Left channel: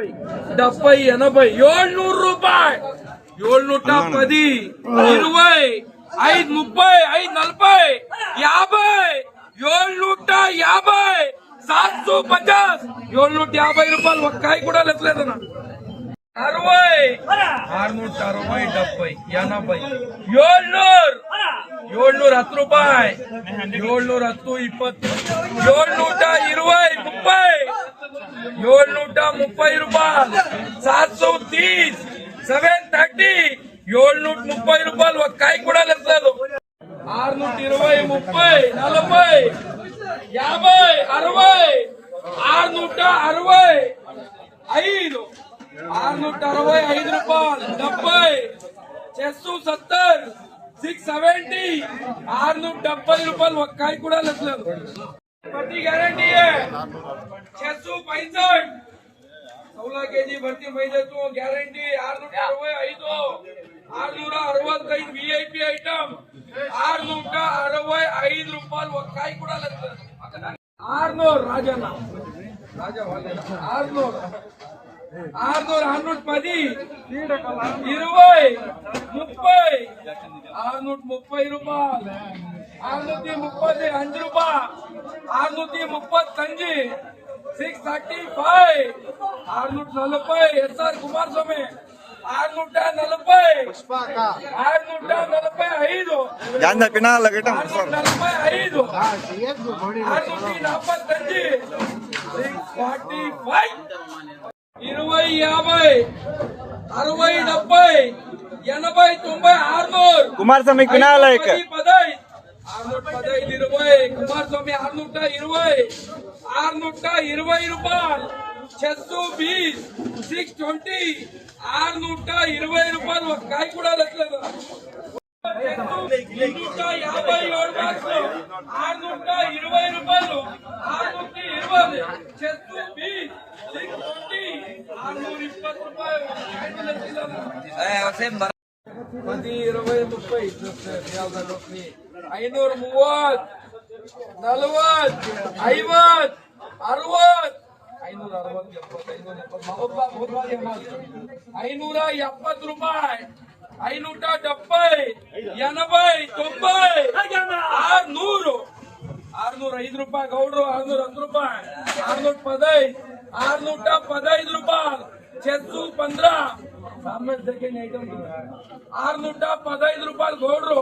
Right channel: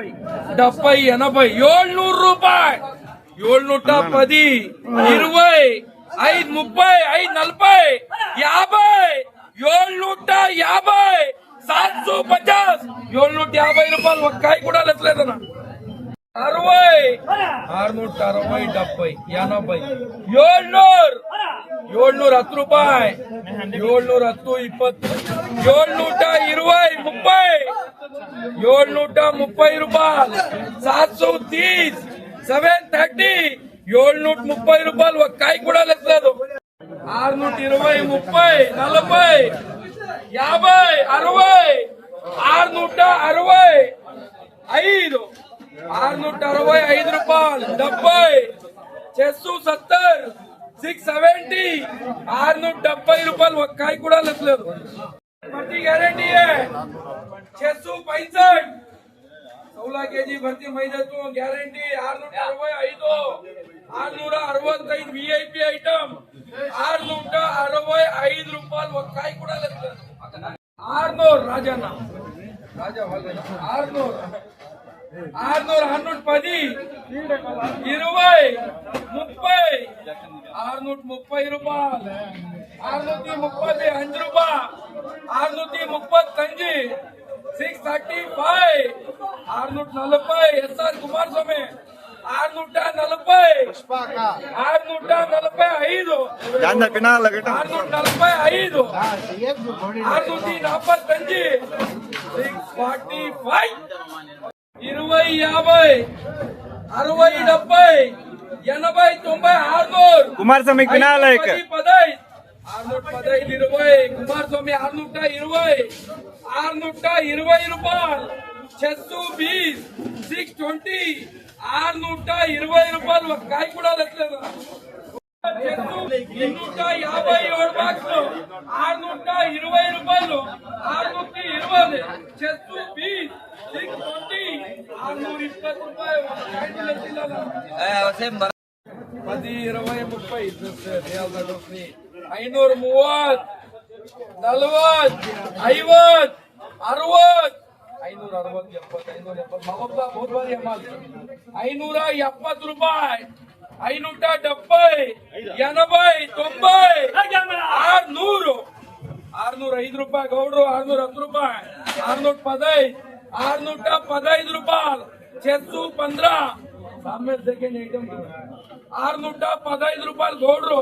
70 80 700 ರೂಪಾಯಿ 710 20 5 30 5 40 50 750 750 రూపాయలు ఒక్క కాయ కూడా లెక్కలేదన్న 60 660 70 80 710 ರೂಪಾಯಿ 710 20 720 730 ರೂಪಾಯಿ 730 730 730 ರೂಪಾయలు ఒక కాయ కూడా లెక్కలేదు 620 30 40 50 60 665 665 రూపాయలు 70 చెస్సు 70 670 670 రూపాయలు ఒక కాయ కూడా లెక్కలేదు गारंटी है 665 16 kg भर्ती मैदे तो गारंटी 665 वीआईपी आइटम 665 ರೂಪಾಯಿ ఒక కాయ కూడా లెక్కలేదు 600 రాజన్న రాజా 600 610 20 30 630 రూపాయలు 630 5 రూపాయలు 630 635 640 ఎస్ఆర్ కుమారస్వామి 640 645 ಜಾಂದ ಪಿನಾಲ ಗಿಟ್ಟ 645 645 645 20 50 60 70 80 90 600 ಕುಮಾರಸ್ವಾಮಿ ಪಿನಾಲ 615 20 కుమారస్వామి 620 620 రూపాయలు 620 620 620 రూపాయలు ఒక కాయ కూడా లెక్కలేదు 657 బాక్సులు 620 రూపాయలు 620 620 620 620 రూపాయలు ఒక కాయ లెక్కలేదు 10 20 30 530 40 50 60 570 ರೂಪಾಯಿ 570 80 90 605 ರೂಪಾಯಿ ಗೌಡ್ರು 610 ರೂಪಾಯಿ 615 ರೂಪಾಯಿ 615 ಸಾಮೇಲ್ ಸೆಕೆಂಡ್ ಐಟಮ್ 615 ರೂಪಾಯಿ ಗೌಡ್ರು